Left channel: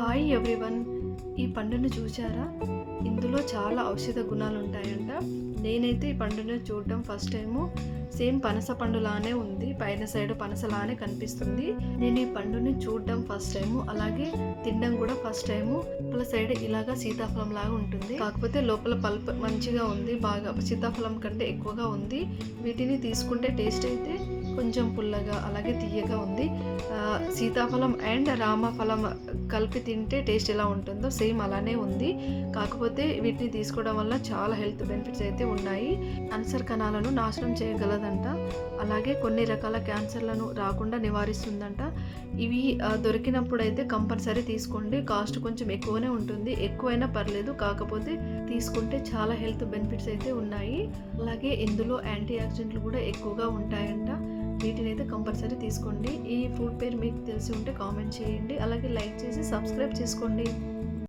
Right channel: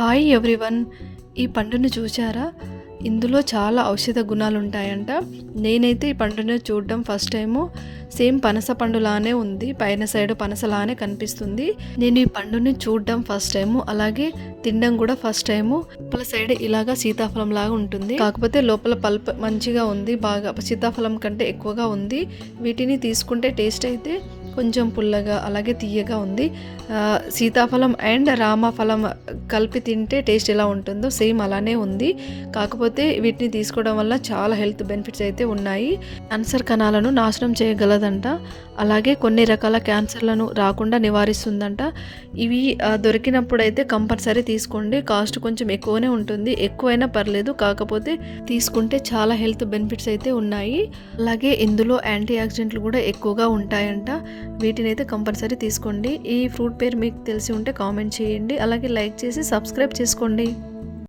Hi everyone. ఈ పండును చూసారా ఇందులో చాలా ఔషధ గుణాలు ఉంటాయంట నేనైతే ఈ పండును చూడడం ఫస్ట్ టైము. సేమ్ పనస పండులానే ఉంది. పైన సైడ్ పనసలానే కనిపిస్తుంది. నేను ఈ పండుని చూడడం ఫస్ట్ టైము. అలాగే తినడం కూడా ఫస్ట్ టైము. లోపల సైడ్ ఇలాగా సీతాఫలం లాగా ఉంటుంది. కాకపోతే లోపల పల్ప్ మంచిగా ఉంది. బాగా సీతాఫలం కంటే ఎక్కువగా ఉంది. వీటిని తీసుకుంటే టేస్ట్ అయితే కొంచెం పుల్లగా అలాగే తీయగా ఉంది. సీతాఫలం అండ్ రామఫలం కలిపి తింటే టేస్ట్ ఎలా ఉంటుందో సేమ్ అలానే ఉంది. కాకపోతే వీటిని తీసుకోవడం వల్ల చాలా హెల్త్ బెనిఫిట్స్ అయితే ఉన్నాయి. క్యాన్సర్ కణాలను నాశనం చేయగలదంట. అలాగే కొన్ని రకాల క్యాన్సర్లను రాకుండా నివారిస్తుందంట. ఇవి దొరికినప్పుడైతే దొరికినప్పుడు అయితే కంపల్సరీ తీసుకోండి. కాస్ట్ కొంచెం ఎక్కువనే ఉంటుంది. ఎక్కువైనా పర్లేదు. కాకపోతే తీసుకుంటే చాలా హెల్త్ బెనిఫిట్స్ అయితే ఉన్నాయి. అలాగే ఇందులో యాంటీ ఆక్సిడెంట్లు కూడా ఎక్కువగా ఉంటాయంట. వీటిని అయితే కంపల్సరీ తీసుకోండి. ఈ ఫ్రూట్ పేరు మీకు తెలిసి ఉంటే కామెంట్ చేయండి. అలాగే లైక్ చేసి సబ్స్క్రైబ్ చేసుకోండి.